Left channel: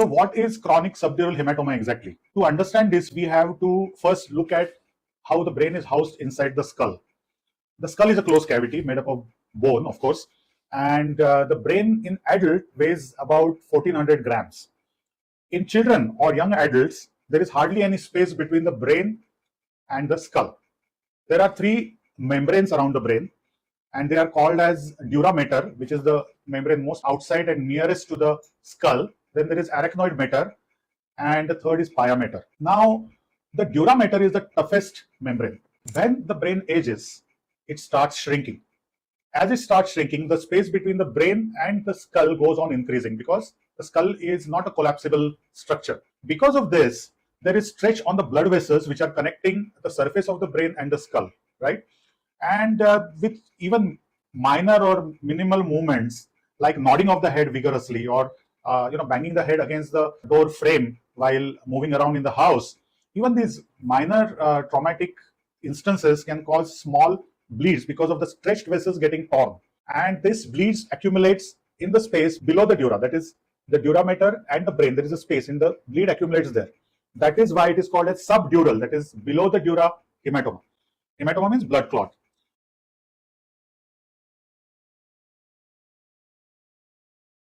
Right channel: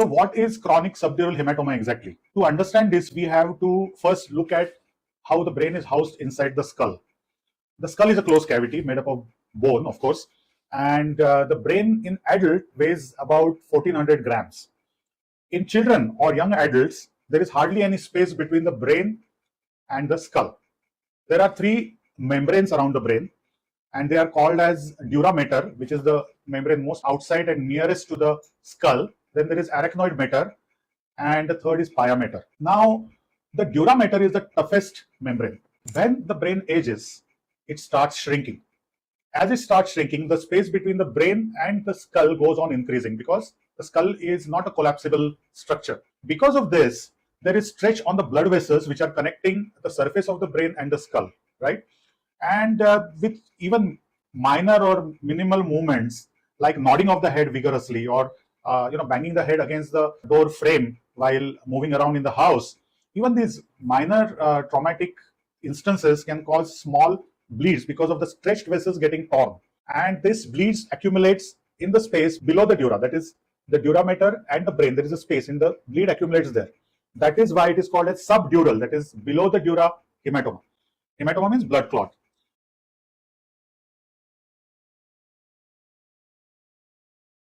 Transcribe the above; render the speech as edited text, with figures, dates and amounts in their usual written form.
So what is chronic subdural hematoma exactly? To understand this, we have to first look at how the brain is housed inside the skull. The skull is a closed cavity made up of bone, of course, and the brain in adult weighs about 1400 grams. In children or young adults, there is hardly any space between the brain and the skull. There are three membranes around the brain, and they are called as dura mater, which is the membrane most outside and nearest to the skull. Then there is arachnoid mater, and the third is pia mater. Now, the dura mater is the toughest membrane. When the brain ages, it starts shrinking. As it starts shrinking, the space between the brain and the skull goes on increasing because the skull is not a collapsible structure. Because of this, there is stretch on the blood vessels which are connecting the surface of the brain and the skull, right? And with even minor or minimal movements like nodding of the head vigorously or banging the head against the door frame while moving around in the house, even these minor traumatic instances can cause small bleeds because of the stretched vessels getting torn. And this bleeds accumulates in the space below the dura, that is the dura mater and the brain. There is a space in the bleed accumulates there. That is why it is called as subdural, that is below the dura hematoma. Hematoma means blood clot.